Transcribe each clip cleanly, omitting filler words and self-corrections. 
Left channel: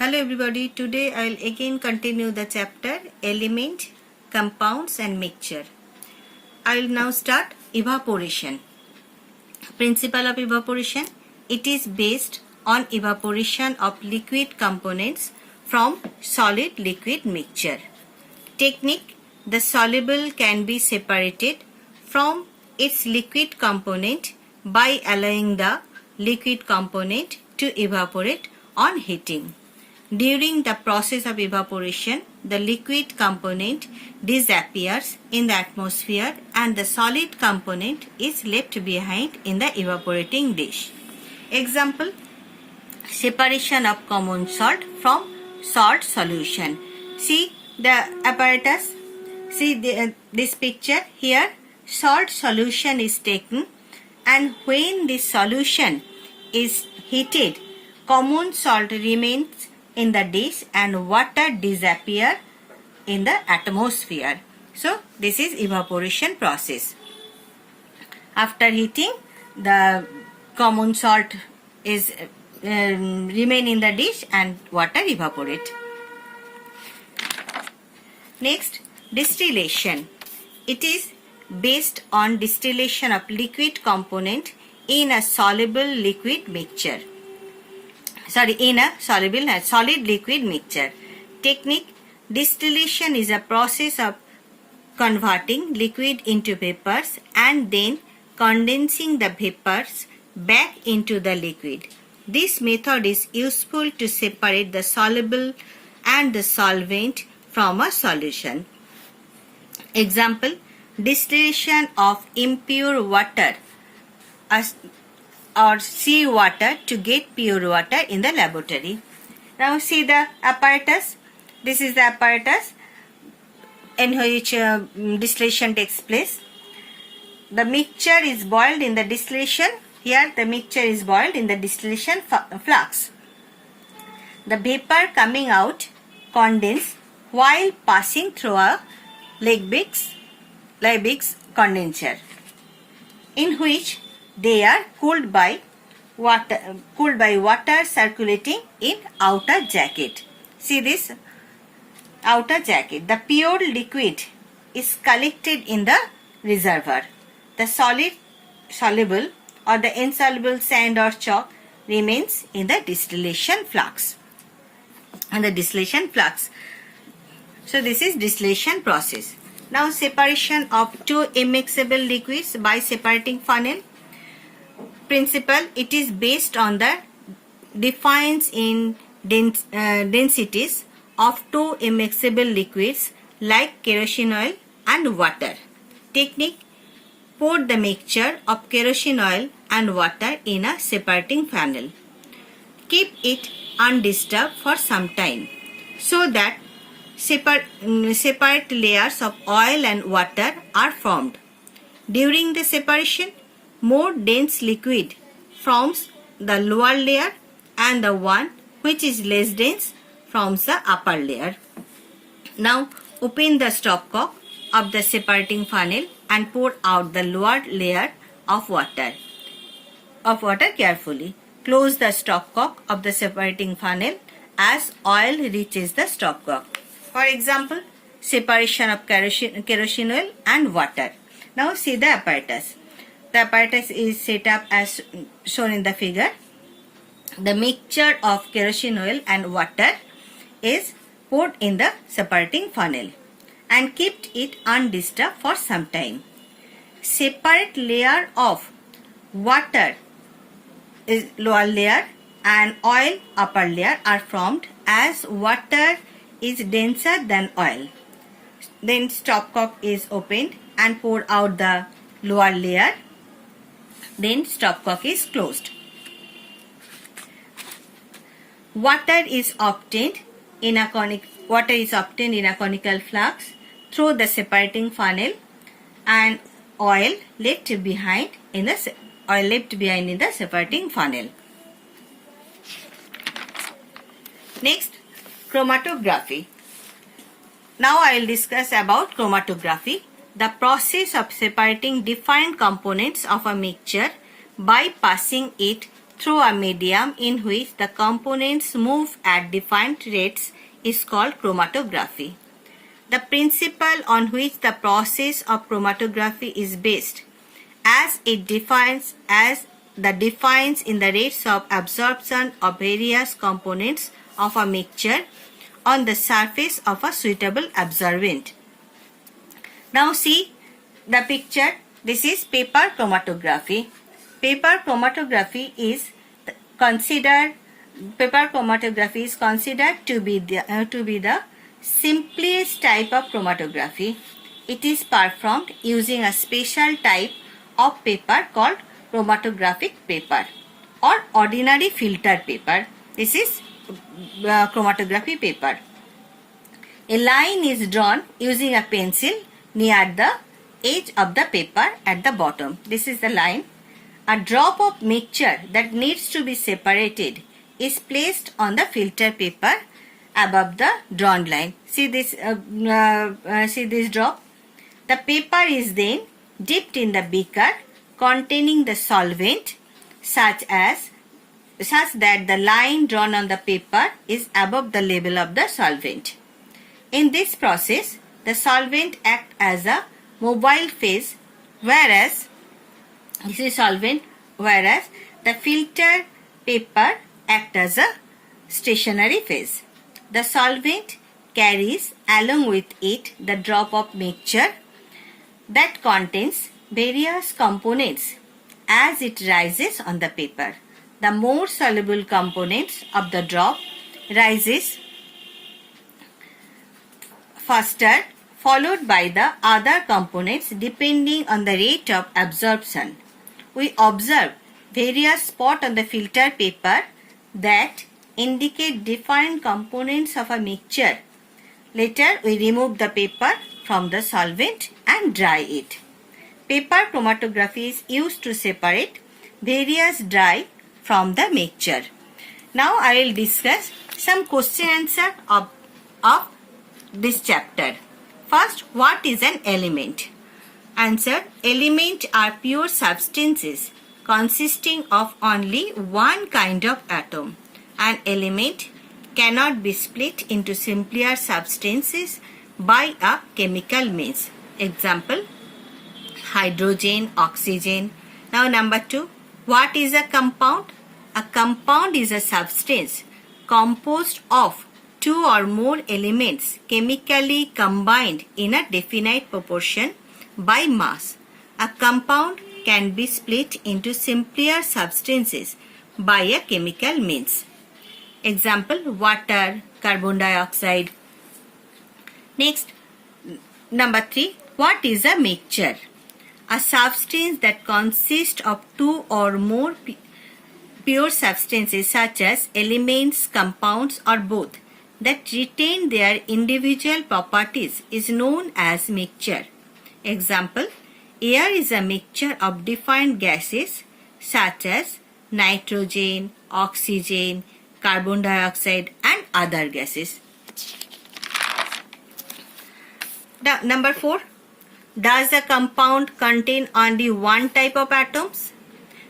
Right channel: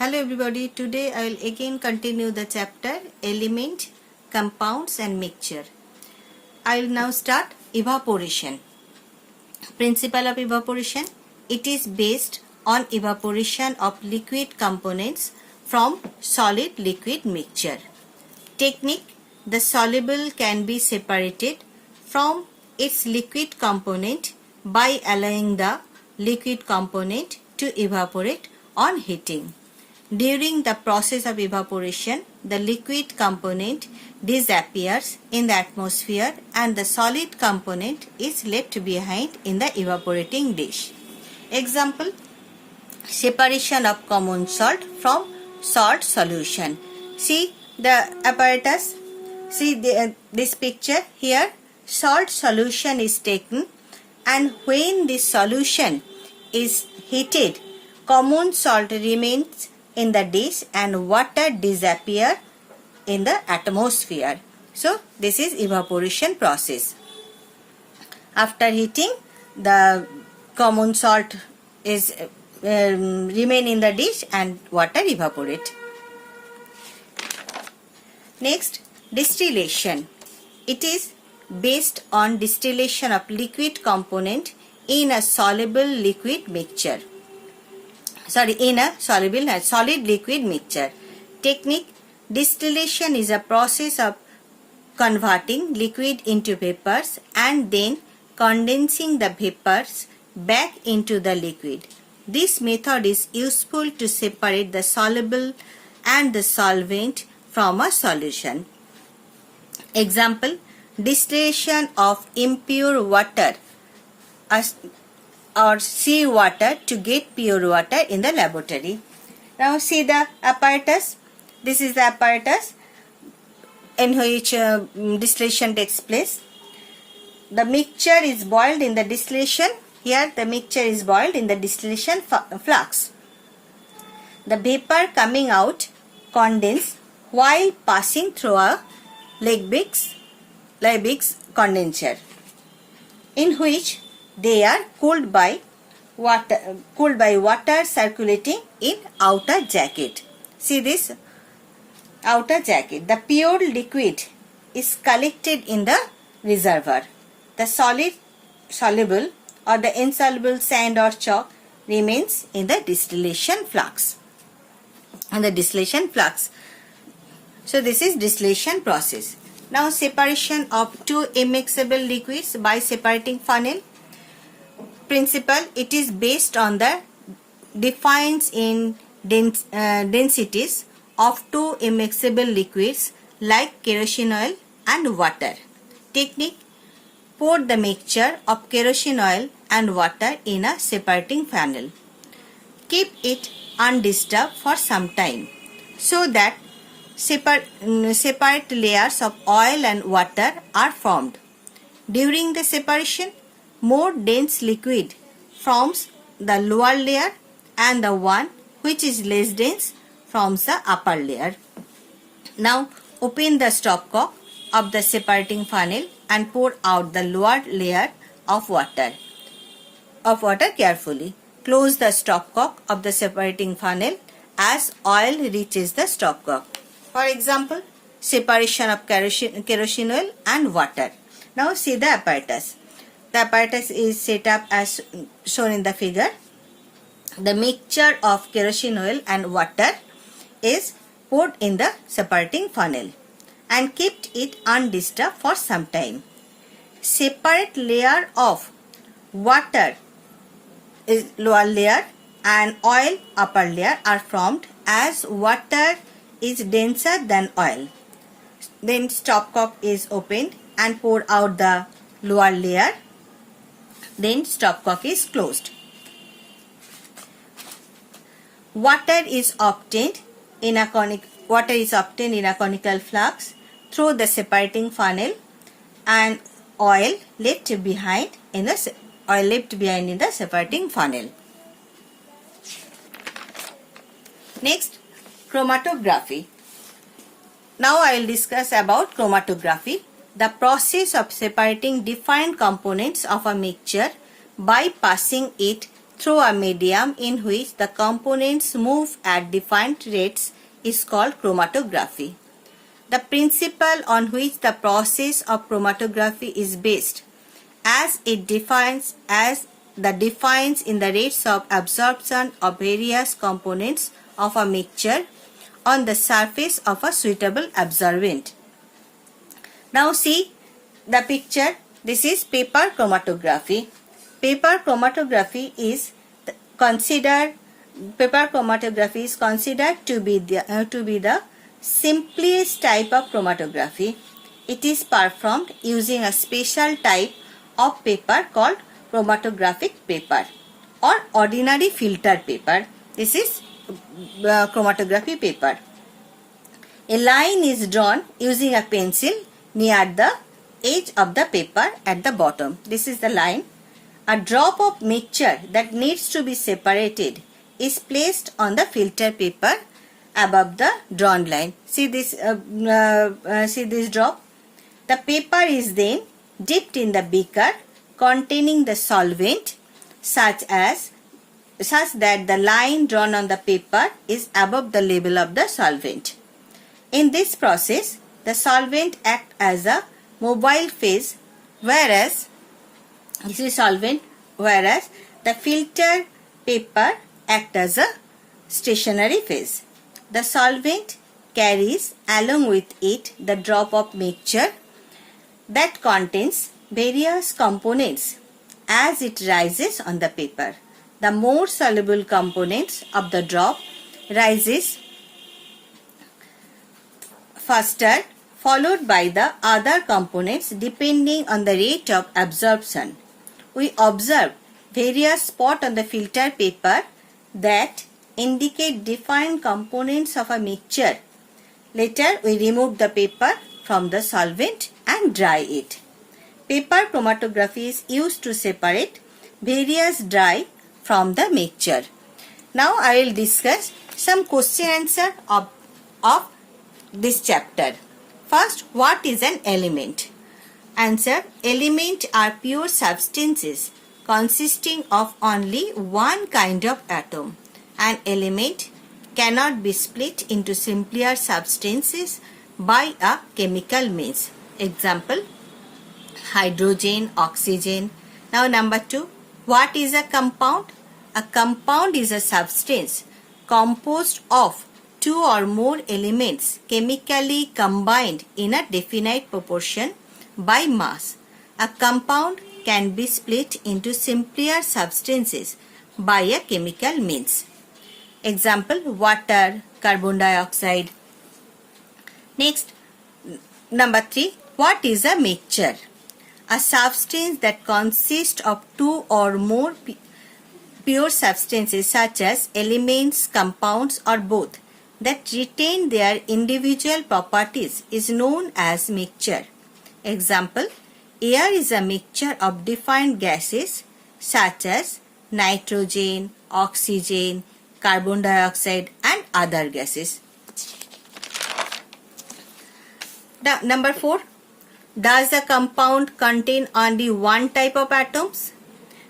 Hello everybody, today I will again continue the chapter Element, Compounds and Mixture. I will now start evaporation. Principle of evaporation. It is based on evaporation of liquid components from solid liquid mixture. Technique. The soluble can be separated from its liquid component by allowing the liquid component to evaporate on heating. During the process of evaporation, the liquid component disappears in the atmosphere and the solid component is left behind in the evaporating dish. Example, separation of common salt from salt solution. See the apparatus, see this picture here, salt solution is taken and when this solution is heated, common salt remains in the dish and water disappear in the atmosphere. So this is evaporation process. After heating, the common salt is remain in the dish and water evaporate. Next, distillation. It is based on distillation of liquid component in a soluble liquid mixture. In a solid liquid mixture. Technique. Distillation is a process of converting liquid into vapors and then condensing the vapors back into the liquid. This method is useful to separate the soluble and the solvent from a solution. Example, distillation of impure water or sea water to get pure water in the laboratory. Now see the apparatus. This is the apparatus in which distillation takes place. The mixture is boiled in the distillation. Here the mixture is boiled in the distillation flux. The vapor coming out condense while passing through a Liebig's condenser, in which they are cooled by water circulating in outer jacket. See this outer jacket. The pure liquid is collected in the reservoir. The soluble or the insoluble sand or chalk remains in the distillation flux. So this is distillation process. Now separation of two immiscible liquids by separating funnel. Principle. It is based on the difference in densities of two immiscible liquids like kerosene oil and water. Technique. Pour the mixture of kerosene oil and water in a separating funnel. Keep it undisturbed for some time so that separate layers of oil and water are formed. During the separation, more dense liquid forms the lower layer and the one which is less dense forms the upper layer. Now open the stopcock of the separating funnel and pour out the lower layer of water carefully. Close the stopcock of the separating funnel as oil reaches the stopcock. For example, separation of kerosene oil and water. Now see the apparatus. The apparatus is set up as shown in the figure. The mixture of kerosene oil and water is poured in the separating funnel and kept it undisturbed for some time. Separate layer of water is lower layer and oil upper layer are formed as water is denser than oil. Then stopcock is opened and pour out the lower layer. Then stopcock is closed. Water is obtained in a conical flux through the separating funnel and oil left behind in the separating funnel. Next, chromatography. Now I will discuss about chromatography, the process of separating different components of a mixture by passing it through a medium in which the components move at defined rates is called chromatography. The principle on which the process of chromatography is based, as it defines in the rates of absorption of various components of a mixture on the surface of a suitable absorbent. Now see the picture. This is paper chromatography. Paper chromatography is considered to be the simplest type of chromatography. It is performed using a special type of paper called chromatographic paper or ordinary filter paper. This is chromatography paper. A line is drawn using a pencil near the edge of the paper at the bottom. This is the line. A drop of mixture that needs to be separated is placed on the filter paper above the drawn line. See this drop. The paper is then dipped in the beaker containing the solvent such that the line drawn on the paper is above the level of the solvent. In this process, the solvent acts as a mobile phase, whereas the filter paper acts as a stationary phase. The solvent carries along with it the drop of mixture that contains various components as it rises on the paper. The more soluble components of the drop rises faster, followed by the other components depending on the rate of absorption. We observe various spots on the filter paper that indicate defined components of a mixture. Later, we remove the paper from the solvent and dry it. Paper chromatography is used to separate various dye from the mixture. Now, I will discuss some question answer of this chapter. First, what is an element? Answer: elements are pure substances consisting of only one kind of atom. An element cannot be split into simpler substances by a chemical means. Example: hydrogen, oxygen. Now number 2, what is a compound? A compound is a substance composed of two or more elements chemically combined in a definite proportion by mass. A compound can be split into simpler substances by a chemical means. Example: water, carbon dioxide. Next, number 3, what is a mixture? A substance that consists of two or more pure substances such as elements, compounds or both that retain their individual properties is known as mixture. Example: air is a mixture of defined gases such as nitrogen, oxygen, carbon dioxide and other gases. Number 4, does a compound contain only one type of atoms?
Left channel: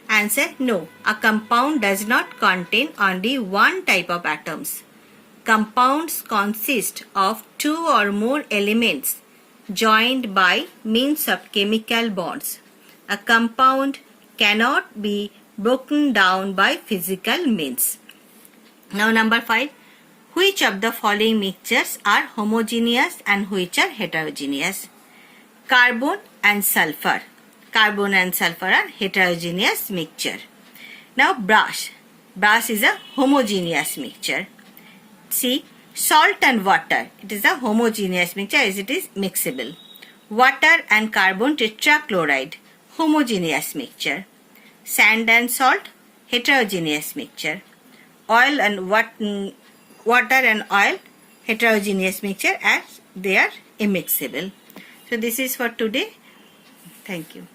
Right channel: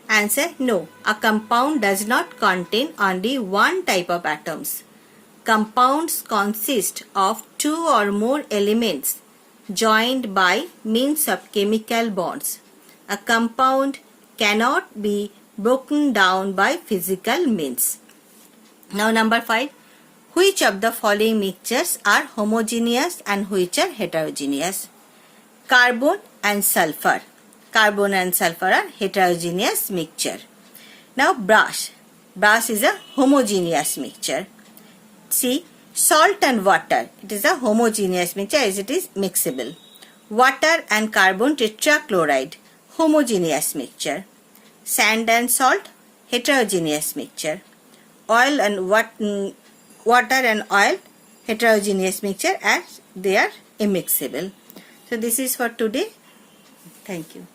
Answer: no, a compound does not contain only one type of atoms. Compounds consist of two or more elements joined by means of chemical bonds. A compound cannot be broken down by physical means. Now number 5, which of the following mixtures are homogeneous and which are heterogeneous? Carbon and sulfur. Carbon and sulfur are heterogeneous mixture. Now brass. Brass is a homogeneous mixture. See, salt and water. It is a homogeneous mixture as it is mixable. Water and carbon tetrachloride. Homogeneous mixture. Sand and salt. Heterogeneous mixture. Oil and water and oil. Heterogeneous mixture as they are immiscible. So this is for today. Thank you.